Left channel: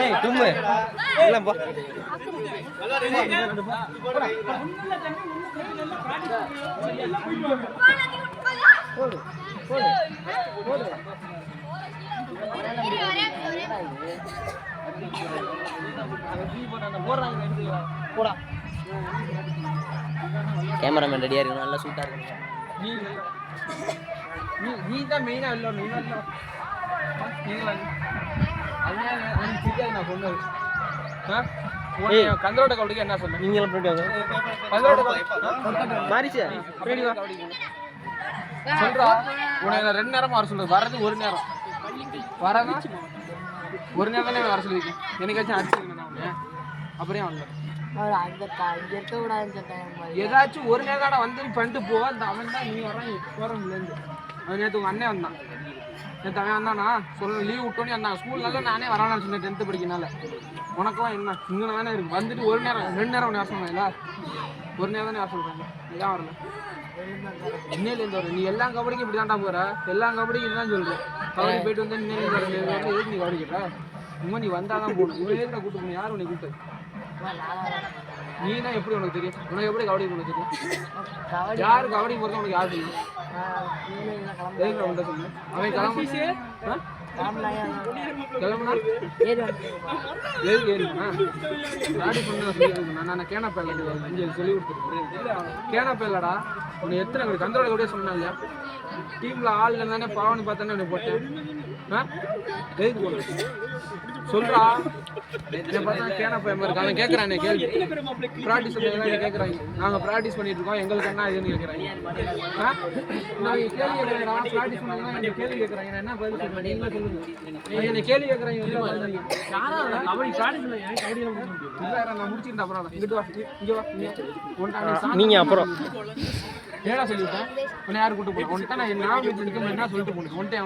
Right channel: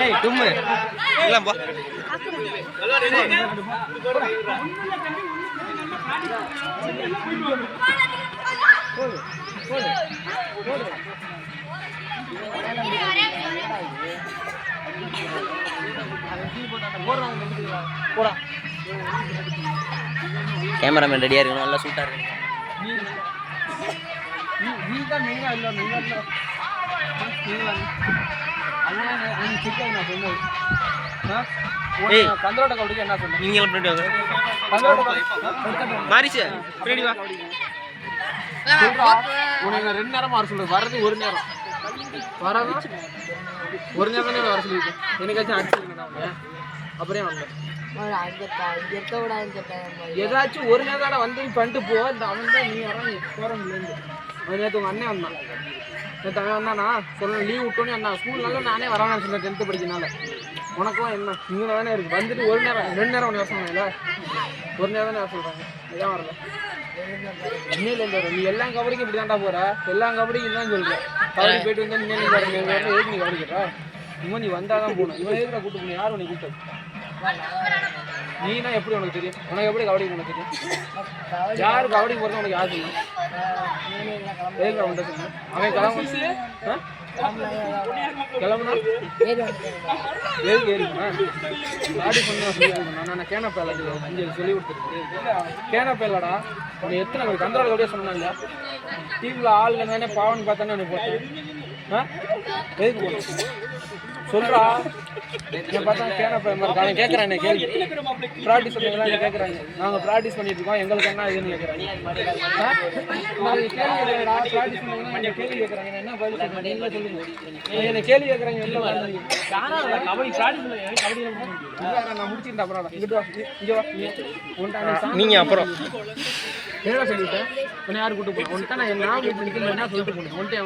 ஏய் தும்மு இல்ல போ போடு போடு போடு போடா கேமராமேன் ரெடியா இருக்கணும் நல்லா சூட்டா இருக்கணும் நீ தான் மெயினா இல்ல மெயினா இல்ல நான் சொன்னது கந்தரோட கபடிக்கு என்ன சொன்னேன் நீங்க எல்லாம் பண்ணிட்டு வாங்க கந்தரோட மாரிச்சு பின்னாடி வா உனக்கு 2 நேரமா வர சொல்லுது வரது ஒரு நேரம் வரதும் ஒரு நேரம் தானே வர சொல்லிருக்கு எனக்காச்சும் அடிச்சிருக்கேன் நான் அப்புறம் வாங்க ஏதாச்சும் ஒரு நேரம் வந்து பண்ணிட்டு போ அந்த அவன் தான் நீ வரான் போறவங்கலேருந்து அது நேற்று உங்கள் அண்ணன் வந்தான் நேற்று அவன் வந்தானா சொல்ல லீவ் விட்டோன்னே அந்த ஸ்கூல்னால நானே வரான்னு சொன்னேன் 10th படிக்கனால உனக்கும் என்ன இங்கே தானே இருக்குது வந்துட்டு ஒரு நேரம் 2 நேரம் ஒன்று வர சொன்னாங்கல்ல ஒரு நேரம் தானே வர சொல்கிறாங்க இதான் வரல இன்னிலேருந்து வரும் நீ எல்லா கபடிக்கும் இப்படி தாண்டா போகிற எல்லா கபடிக்கும் இதுதான் சொல்கிறேன் கபடி போயிட்டு வந்து இன்னிலேருந்து வர எதுக்கு நீ கபடி கேட்டா இன்னும் நீ வந்தால் தான் போகணும் இவன் எதுக்கு கூப்பிட்டு போகணும் யாரும் உனக்கு கூப்பிட்டு நீனா எப்படி உனக்கு தெரியும் உனக்கு எப்படி கபடி உனக்கு தெரியும் யாரு கபடி போகிறது உனக்கு யாரு தெரியும் அவன் கிளம்புனா எதுக்கு ஏறினா டாடி பண்ண நான் கேனப்பா இங்கே சொல்லி கொடுத்துருக்கேன் கேனப்பா இல்லடா உன்னை எத்தனை கந்தரோட கபடியே சொன்னாங்க இல்லையா டீமில் ஆள் இல்லைன்னு பாவன்னு பார்த்தானே உனக்கு போட்டேன் எதுக்கு போட்டேன் சொல்றா பார்த்தா கேனப்பா இருக்காங்க கேட்குறானே கேள்வி ப்ராக்டிஸ் பண்ணி கேட்குறாங்க நாங்கள் ப்ராக்டிஸ் பண்ணிட்டு இருக்கோம் எங்களுக்கு என்ன இதுன்னு கேட்குறாங்க நாங்கள் கேள்வி கேட்குறா ப்ராக்டிஸ் பண்ணீங்கன்னா நீங்கள் கேள்வி கேட்குறாங்க என்ன பதில் சொல்லுங்க நீங்களே சொல்லுங்க நீங்கள் என்ன கேள்வி கேட்குறாங்க எல்லாம் கபடி ப்ராக்டிஸ் கபடி நான் முடிச்சிருந்தேன் அப்புறம் இங்கிட்டு வா இங்கே வா நீங்கள் அப்புறம் என்ன சொல்லிவிட்டேன் உன்னை யார் கூட்டு போய் ஒன்ட்டு நான் என்ன வீட்டு என்ன சொல்லிட்டு போனேன் ஒன்ட்டே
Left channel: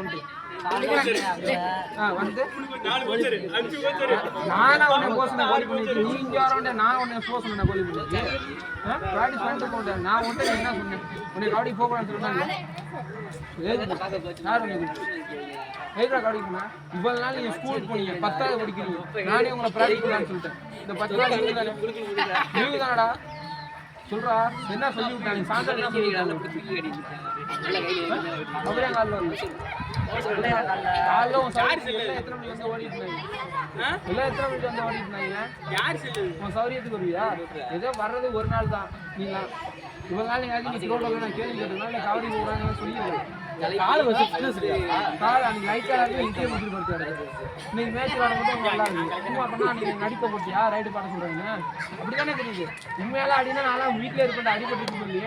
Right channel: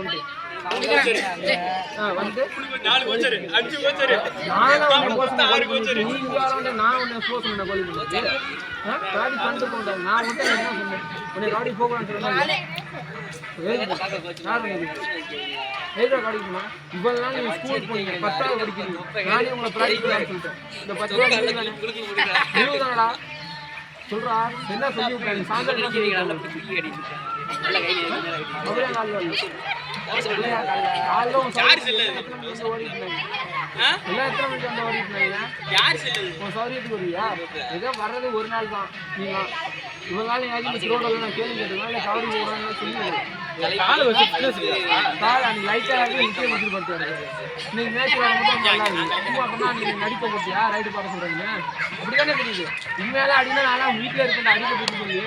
இவ்வளவு நாள் நீங்க ஸ்கூல் போனீங்க 10th படிக்கிறீங்க நானே உங்களை ப்ராக்டிஸ் சொல்லிட்டேன் இந்த 10 நாள் தானடா சொல்றா என்ன சொல்லி விட்டாங்க சாயந்தரம் என்ன சொல்லி சௌரியத்துக்கு வருவியா ஏதோ வர்றது ஒரு நாள் தான் நீங்க இவங்க நாள் நீங்க ரோடெல்லாம் நான் கேள்வி கேட்டுருக்கேன் இல்லை கவரி போடுறாங்கன்னு சொல்லி நீங்க மேட்ச் வர மட்டும் நீங்க நடிப்ப போட்டியா ரைட்டு பாட சொல்றீங்க அப்படித்தானே தெரியுது உண்மையால அடினா நான் வீட்டுல இருப்பேன் அடிப்பட்டு சொல்லி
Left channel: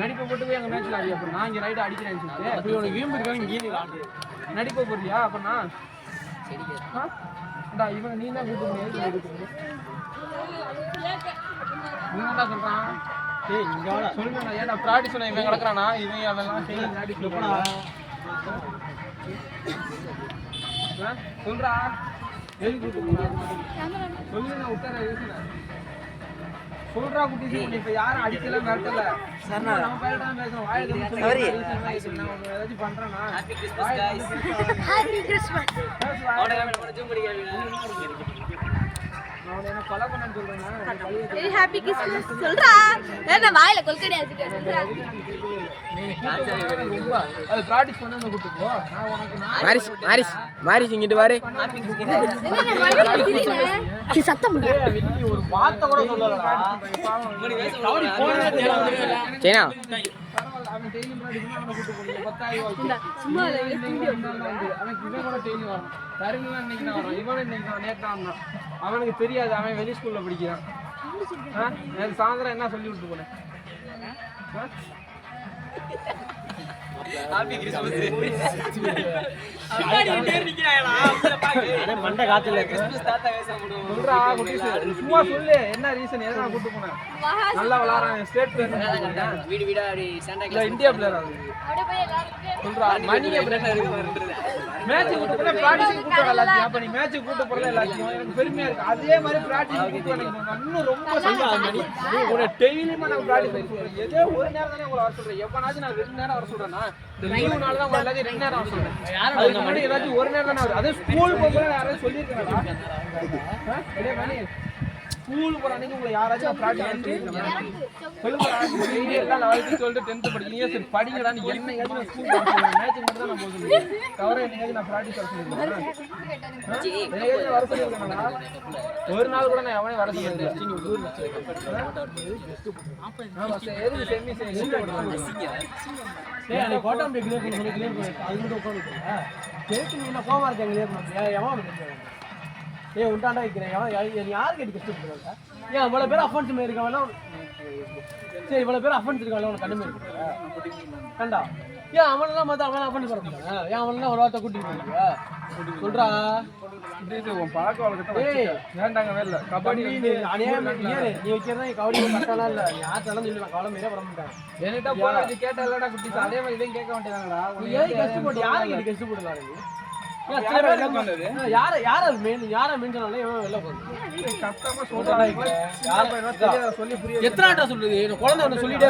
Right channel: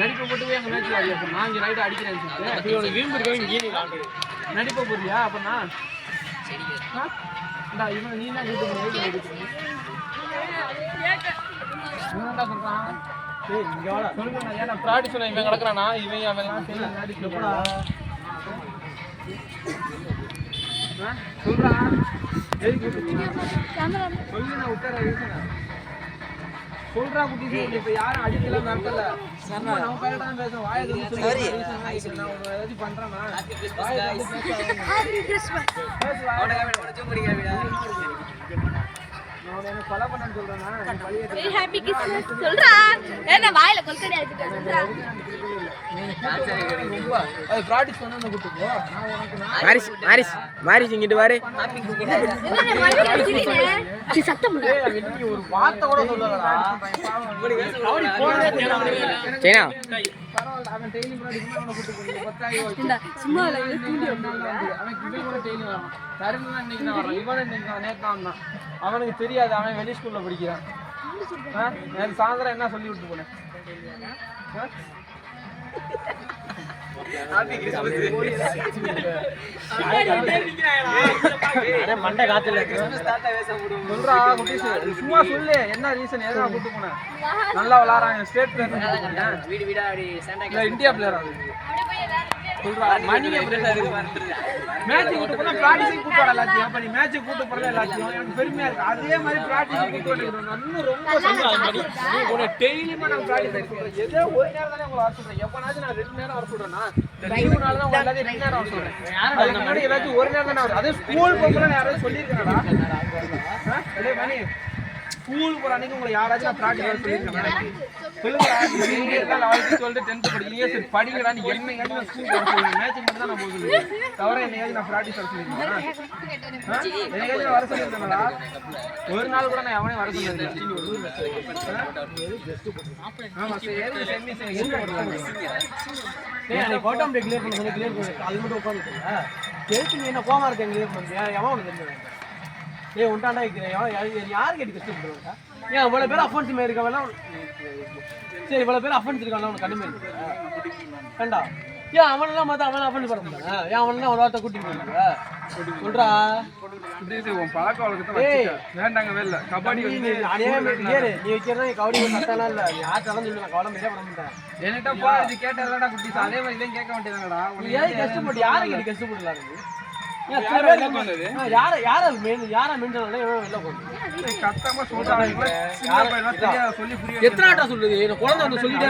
நடிப்பை போட்டு போய் எங்க மேட்ச்ல ஆடி அப்ப நான் இங்க ரைட்டு அடிக்கிறேன்னு சொல்லிட்டு விரும்பு இருக்காங்க நடிப்ப போறியா அப்பனா இவன் நீ தான் கூட்டு என்னடா சொல்றான் ஏய் இங்க வாடா சொல்லுங்க ஏன்னா ப்ராக்டிஸ் பண்ண இவன் கிடக்குறானா இவன் அவன்லாம் சரி நாடிக்கு போடா சொல்றா எதுக்கு சொல்லு நான் உத்தர யூசனா சொல்றா குட்டி இப்ப யாரும் அடிக்கல மிரட்டல நம்ம பேரடா பேசுறோம் வாயை வந்து சொல்லி ரீசன் நான் ஏதாச்சும் பண்றேனா ஹாப்பி கிறிஸ்மஸ் அவட காமெடி போட்டு தூங்குறீங்க ஹாப்பி கிறிஸ்மஸ் சொல்றா என்ன வாயில கொல்கடி அடிச்சிட்டு சொல்றா அது பிராக்டீஸ் பண்ணாம கூட்டிட்டு மாரிஸ் மாரிஸ் மாரிஸ் இங்கிட்டு வாரே நீ சத்தம் நீ ஒரு வார்த்தை கூட சொல்லலடா சேனா அவன் டெய்லி பிராக்டீஸ் பண்ணா கூட்டி போறீங்க 10,000 சும்மா அவன் இவன் கூட டெய்லி வரான் தருணலாம் இன்னைக்கு தான் வரான் இவனே இன்னைக்கு நேத்து தான் வந்தான் அவனுக்கு தெரியாது அவன் வெளி ஸ்கூல்ல படிக்கிறான் எனக்கு சாயந்தரம் என்ன சொல்லி விட்டு போனேன் மண்டை காத்துல சொல்றா குட்டி சும்மா சொல்லு என்ன ரீசன் எதுனா கூட்டு போனேன் நல்லா விளையாடுறாங்க ஸ்டேட் பிளேயர் இந்தியா பிளேயர் பெருமையா இருக்கு அதே மாதிரி ஏதோ ஒரு நேரம் தானே உங்களை வர சொல்றேன் எப்பனாச்சும் நான் 2 நேரம் வர சொல்றேன்னா ஏதாச்சும் ஒரு நேரம் தானே வரும் அதே ஸ்கூல் போய் யாராவது சொல்லியிருக்காடா மணி ஸ்கூல் போற அன்னைக்கு உங்களை யாராச்சும் ப்ராக்டிஸ் சொல்லியிருக்கேன் சொல்லுங்கடா நீங்க எல்லாம் 11th 12th 10th படிக்கிறீங்க சரி படிங்கடா நீ என்னையாச்சும் நான் ஸ்கூல் போக சொல்லுவேன் மேட்ச் மட்டும் தான் நான் போக சொல்லுவேன் தவிர என்னையாச்சும் நான் ப்ராக்டிஸ் வர சொல்லியிருக்கேன் என்னையாச்சும் வர சொல்லியிருக்கேன்டா ஒரு நாள் கூட நான் எவனே வர சொல்லியிருக்கேன் ஆமா சரி செம்மி சரி கோட்டா கிளியர் பண்ண சொல்லி கிளியர் பண்ணி அது மட்டும் உட்காந்துருக்கீங்க கேட்டு நீ என்ன கோமா இருக்கேன் கிளியர் பண்ணி எவன் உனக்கு தெரிஞ்சவங்க ஏ உண்டாண்டா வைக்கிறேன் யார் கேட்டு கஷ்டப்படுவாங்க ஏன் இவ்வளோ பேர் அஃபென்ஸ் மாரி இருக்காங்க சரி இவ்வளோ பேர் அஃபென்ஸ் இருக்காங்க அவனுக்கு கண்டுமே இருக்கு கண்டா ஏன் அவனெல்லாம் பார்த்தா அவன் அஃபென்ஸ் பண்ண முடியாது ஏன் அவனெல்லாம் ஒரு வார்த்தை கூட்டிட்டு போங்க சொல்றா உன் பழக்க வழக்கத்தை வேண்டாங்க வேலை கபடி நீ வைக்கிறதா கபடி கரெக்டாலாம் இல்லை நீ யார்ட்டாலும் சொல்லி நான் கவலை மீறே பண்ண மாட்டேன் என்கிட்ட போய் கேட்ட இல்லடா குட்டி அதே மாதிரி இதையும் கேட்க மாட்டேங்கிறாங்களா நீ ஏன் கஷ்டப்பட்டு யாரை கேட்டு கஷ்டப்படலாம் எத்தனை சொல்லுது குழந்தை ஒன்று சொல்லிட்டே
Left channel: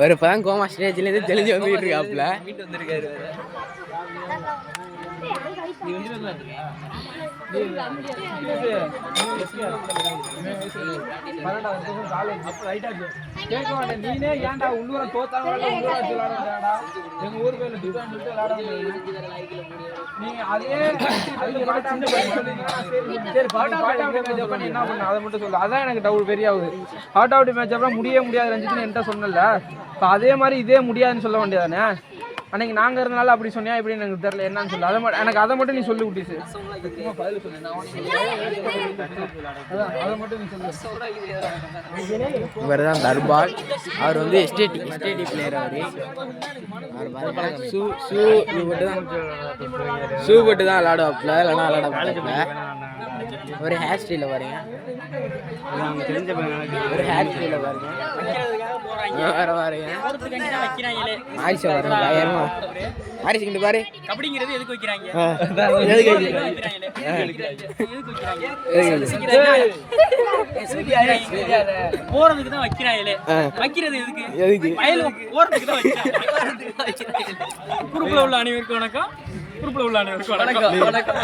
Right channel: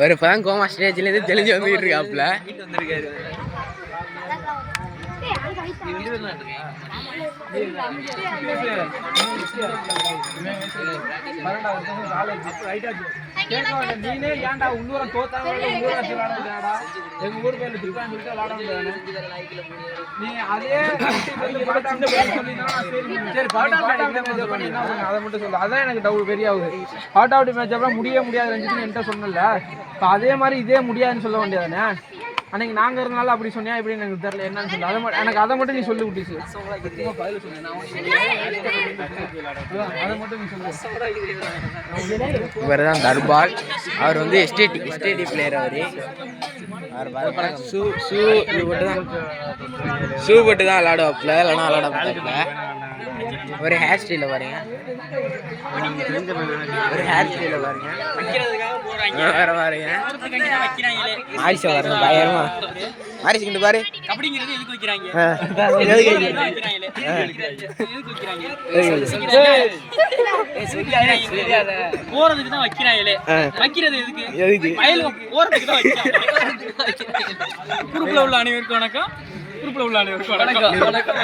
ஒரு இப்பதான் கோமா ஸ்டேஜ்ல இருந்து தெளிஞ்சு வந்துகிட்டு இருக்காப்ல நீனே ஏன்டா உள்ளூர தோத்தாங்க விளையாடா எங்க ஊர் பேர்ல திட்டான்னு சொல்லிட்டு விளையாட நீ அதே என்ன பண்ண அதை மட்டும் சொல்லு அதான் எனக்கு டவுட் பெரிய ஆகுது ஹாட் அவுட் மேட்ச் அப்புறம் முடியாது ரஞ்சித்னு என்கிட்ட சொன்னல அதே மாதிரி இதே முடியாதுன்னு சொல்ல வேண்டியதானே அன்னைக்கு நாங்க இருந்தனால அப்படி சொன்னியா இப்படி எனக்கு தெரியல என்னன்னு சொல்லு எனக்கு அதை மட்டும் நீ சொல்லி விட்டுச்சு பதில் சொல்லு அதை மட்டும் நீ சொல்லு இவர் தான் தர்பால் அவர் வந்து எஸ்டேடி பிளேயர் ஷூ போட்டு தான் விளையாடுவாப்புல இல்லைன்னா விளையாட மாட்டாப்புல ஒரு ஹேர் ஸ்டைல பாருங்க வர பாருங்க ஆரிஷா பாருங்க பயமா ஆரிஷ் பாரு கபடிங்கிறது எதுக்கு வைக்கிறாங்க போறதுக்கு தான் வைக்கிறாங்களே வைக்கிறது எதுக்கு வயல் போறதுக்கு தான் வைக்கிறாங்க குரூப்ல உள்ள அனைவருக்கும் வணக்கம் குரூப்ல உள்ள அனைவருக்கும் வணக்கம்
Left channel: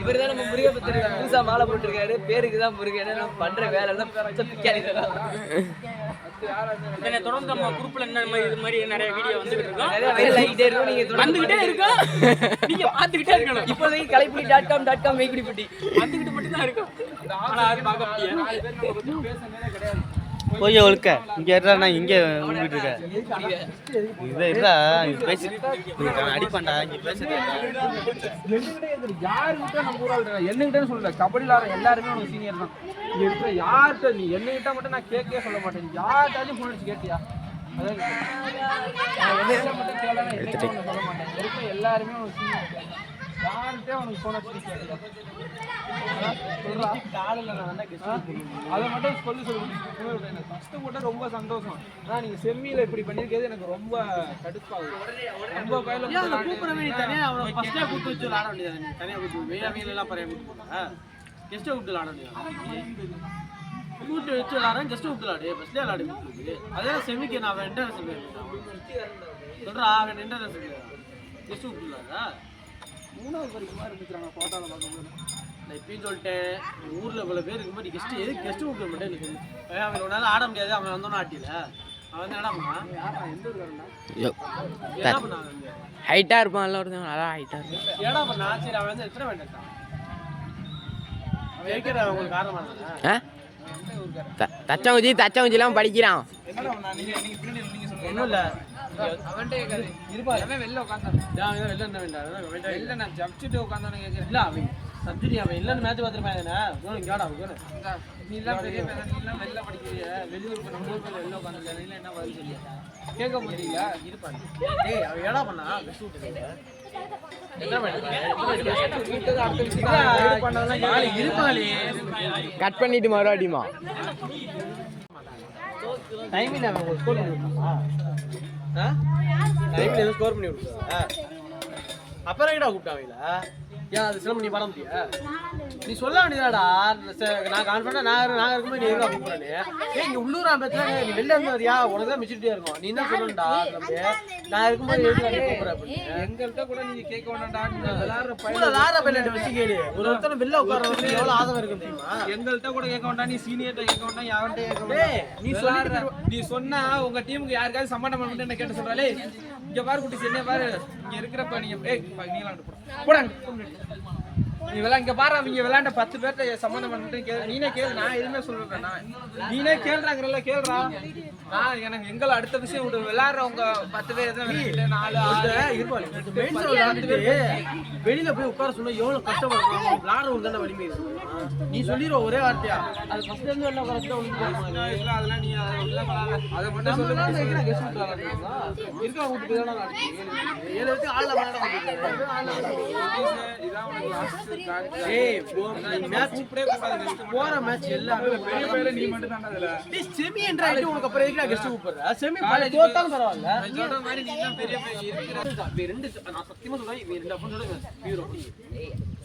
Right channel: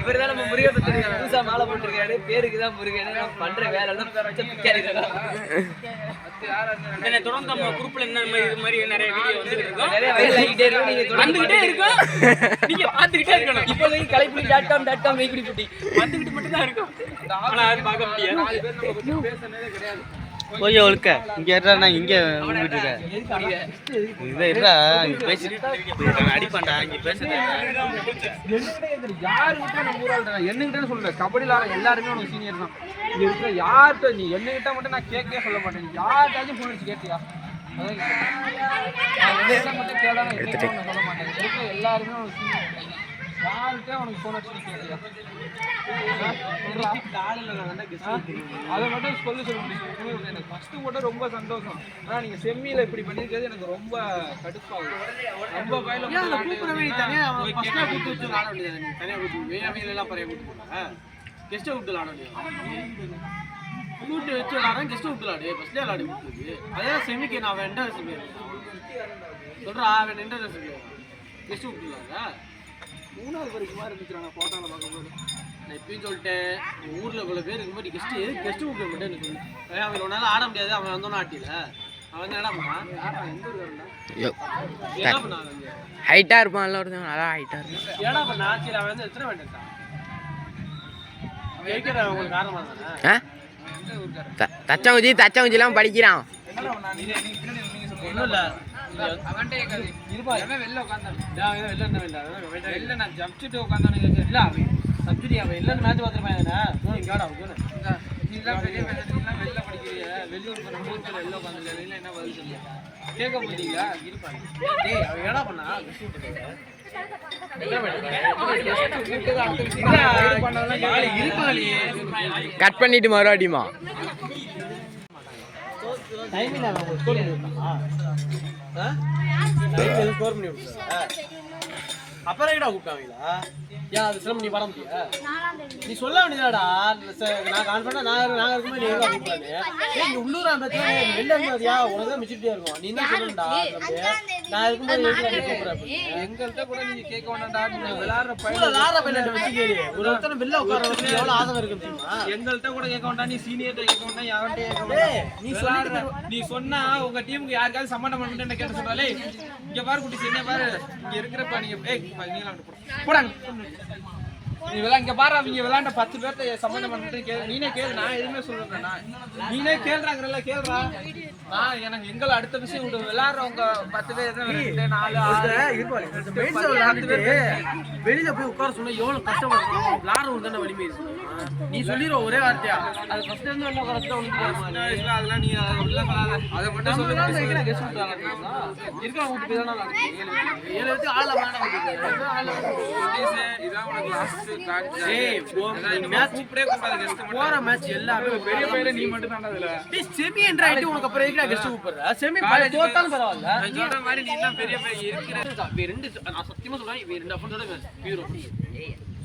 இவர் தான் நம்ம முருகை பத்தி புதுசா மாலை போட்டிருக்காரு பேருக்கு தான் முருகன் நம்ம பண்ற வேலை எல்லாம் தொடர்ந்து நம்ம குரூப்ல இது மாதிரி நிறைய வீடியோ வந்துகிட்டு இருக்கோம் வந்துகிட்டே இருக்கோம் நீங்க பாத்துக்கிட்டே இருக்கணும் இப்போ கலைப்புலி.com வைக்குடிப்பட்டி வந்துகிட்டு மட்டும் தான் இருக்கும் கொஞ்சம் ஒழுக்க இங்க ஏறா இங்க உங்கிட்டு இருக்க இதை ஏறா பேசி அடிப்பாண்டா இங்க பேசுறது யாருக்கிட்ட நம்ம ஊரால் என்னகிட்ட சொல்ல கபடியில் ஆட எல்லாருமே உனக்கு சீனியர் தான் இங்க இருக்கிற யார்கிட்ட நீ என்னகிட்ட மட்டும் நான் கேட்கவே சொல்ல மாட்டேன் யார்கிட்டாச்சும் ஃபோன் அடிச்சு கேட்டியா அதான் என்னகிட்ட மட்டும் கேட்டா நான் சொல்ல மாட்டேன் இருக்கிற எல்லாருமே உனக்கு சீனியர் யார்கிட்டே உனக்கு ஃபோன் அடிச்சு கேட்டியா அதை மட்டும் சொல்லி எனக்கு ஃபர்ஸ்ட் போட்டு ரொம்ப சந்தோஷம் ஆனால் நீங்கள் செம்மியில் இப்படி பண்ணியிருக்கிறது எனக்கு ரொம்ப கடுப்பாகுது ரொம்ப கையில் கூப்பிடவே தனியாக அவனை ஃபர்ஸ்ட்டாக கூப்பிட்டு வச்சு விளாட வேண்டியது நீ தனியாக கூப்பிட்டு வேலையெல்லாம் பறைய கூப்பிட்டு கெஸ்ட்டை கூப்பிட்டு விளாட வேண்டியது கூப்பிட்டு வச்சு விளாட்றேன் கெஸ்ட்டை கூப்பிட்டு விளாடு ஃபஸ்ட்லேயே விளாடு கூப்பிட்டு அதே செமிக்கு நான் அவன் என்டர் சொல்லுவேன் சொல்கிறா அவன் என்டர் சொல்லுவேன் கெஸ்ட்டு கூப்பிட்டு விளாடா 3வது வரைக்குமா இருந்துச்சுறாங்க ஃபோட்டோவில் பார்க்கும்போது நான் இப்பயும் சொல்லிட்டேன் ஊரில் இவ்வளோ பேர் இருக்கும்போது கெஸ்ட்டு எதுக்கு கெஸ்ட்டு கூப்பிட மாட்டேன்னு சொல்லு அவன் ஒரு நாள் ஆட முடியாது அவன் வந்தோன்னு ஆட்டில அவன் என்ன பண்ணான் எந்த ஒரு என்ன பண்ணான் ஹைட்டா இருப்பான்ல ஒருத்தன் அதான் ஹைட்டா இருப்பான் ஏடா பண்ணா சரி அவன் வந்து எத்தனை வேண்டாம் அவன் இருக்கிற உங்களுக்கு காரணமாக தானே தச்சங்குச்சிலாம் படிக்கிறான் ஒன்றும் இல்லை அவன்கிட்ட கேட்காது இருப்பா வெளில உட்காந்தான் வெளில நான் ஜப்சிட்டு உட்காந்தானு கேட்க இல்லை அவன் சப்ஜெக்ட் அவன் இல்லைன்னு மேட்ச் பார்த்துருப்பான் தானே இங்காடா நீலாம் பெரிய நீலாம் வெளில படிக்கிறிய வெளியூர் நம்ம ஊர் பேர் வெளில உட்காந்துருக்க நீலாம் என்ன பதில் சொல்லியா கேட்க மாட்டீங்களா இருப்பாங்க டேய் அவன் ஏடா பண்ணா கட் பண்ணிட்டு மறுபடியுமா டைமிங் ஸ்கோர் பண்ணி விட்டாங்களா டைமிங் ஸ்கோர் பண்ணி விட்டுருக்கா அப்புறம் எங்கடா கூப்பிட்டாங்களா ஏன் அது சிலம்பு நீ பாட முடியா? நீ சொல்ல வேண்டியதாடா. நான் கான்ஃபிடண்டா நான் இருக்கும்போது நீ எங்க கூப்பிடுறானே? ஏய் இங்க உள்ளூர் ஆம்பளத்துல நீ வெளில இருந்து வரியா? உனக்கு தான் மெச்சூரிட்டியா இருக்கும். நீ என்ன சொல்லணும்டா? நான் இருக்கும்போது எதுக்கு நீ கூப்பிடுற? எங்கள்கிட்ட கூட நீங்க கேட்க வேண்டாம்டா. நீங்க விளையாடுற உள்ள லாரா பையன் வச்சு கேளு. ஒரு ஒருத்தன வெளில உட்கார்றதுக்கு எவ்வளவு ஆதரவு இருக்கு தெரியுமா? எங்கள்கிட்ட கூட கேட்க வேண்டாம். நீ சீனியர்ட்ட கேட்க வேண்டாம். யார்கிட்ட கேட்க வேண்டாம். நீ சொல்லிட்டு நீ சொன்னா உங்க டீமுக்கு யாருக்காவது சம்பந்தம் பண்ணி என்ன கேட்ட சொல்றாலே. இங்க பாரு குட்டி என்ன பாரு. இங்க இருக்கிறப்ப நீங்க போடாங்க. நீ இங்க பாரு அவங்க விளையாண்ட 10 பேர்த்த சம்பந்தம் பண்ணிட்டு கேளு. நீனே கேளு. நான் எதுவுமே சொல்றேன். நீனே கேள்றாங்கல்ல கேள்றா. நான் எனக்கு எங்களை அடுத்த விஷயம் விடு. விளையாடுறவங்க 10 பேர் தான் 2 4 6 வெளியில போய் உட்கார சொன்னா எவ்வளவு கஷ்டப்படும். விளையாடுறவங்க தானே வலிமை இருக்கு. நீ சொல்லிடுவ ஒரே வார்த்தையா அது ஃபர்ஸ்ட் இருந்து வெளில உட்கார உனக்கு அதெல்லாம் நீ அதை மட்டும் சொல்லுங்க. கெஸ்ட் இருக்கா கூட்டு போய் தானே 7 பேருக்கு ஆள விளையாட கூட்டிட்டு இதான் உனக்கு லாஸ்ட் போற மேட்ச் எல்லாமே நீ மட்டும் தான் அதுல செமி என்ற ஐடி உனக்கு அப்புறம் எதுக்கு கெஸ்ட் கூப்பிடுற? செமி தோத்தாலும் பரவாயில்ல. சொல்ற மாதிரி நீ தான் பெரிய இருக்கிற ரெண்டு நான் சத்தியமா சொல்றேன். இவன் 2 அஃபன்ஸோட ஹீரோ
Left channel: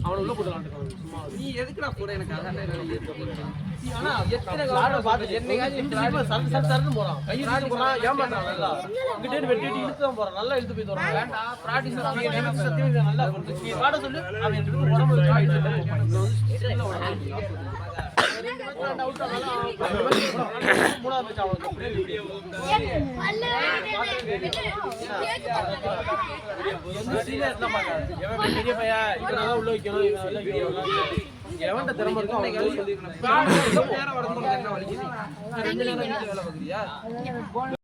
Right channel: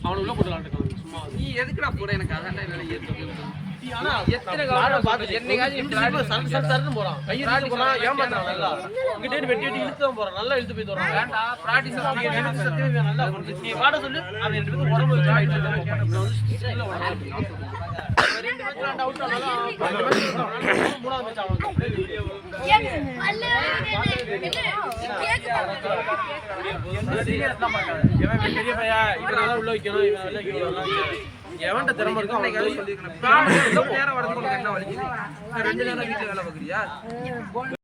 அவன உள்ள போட்டு விளையாண்டுக்கலாம் சும்மா. நீ எதுக்குடா போற? எனக்கு அதான் என்னால ஏத்துக்க. ஆனா எத்தனை காலம் பார்த்து என்னைக்காச்சும் சர்ன்னு போறான். கையில போறான். ஏமாத்துறான். இங்கிட்ட வெட்டிட்டு இழுத்து தான் போறான். நல்லா இழுத்து போய் தோறான். வேண்டா பிராக்டிஸ் சத்தியமா நல்லா பண்ணுது. நீ பாட சொல்லு. அவன் 2 பேரும் உடம்பு வச்சு ஆயிட்டு இருக்கான். ரெண்டு மேட்ச் அவுட் ஆனாலும் மூணாவது மேட்ச் அவனுக்கு பெரிய பையா இவன் உள்ள வைக்கணும். இவன் உள்ள வைக்கணும். எவன்ட்ட திறமை இருக்கும் அவன் சொல்லிருக்கணும். 2 நேரம் வீட்டுல வேலை பார்க்குறியா?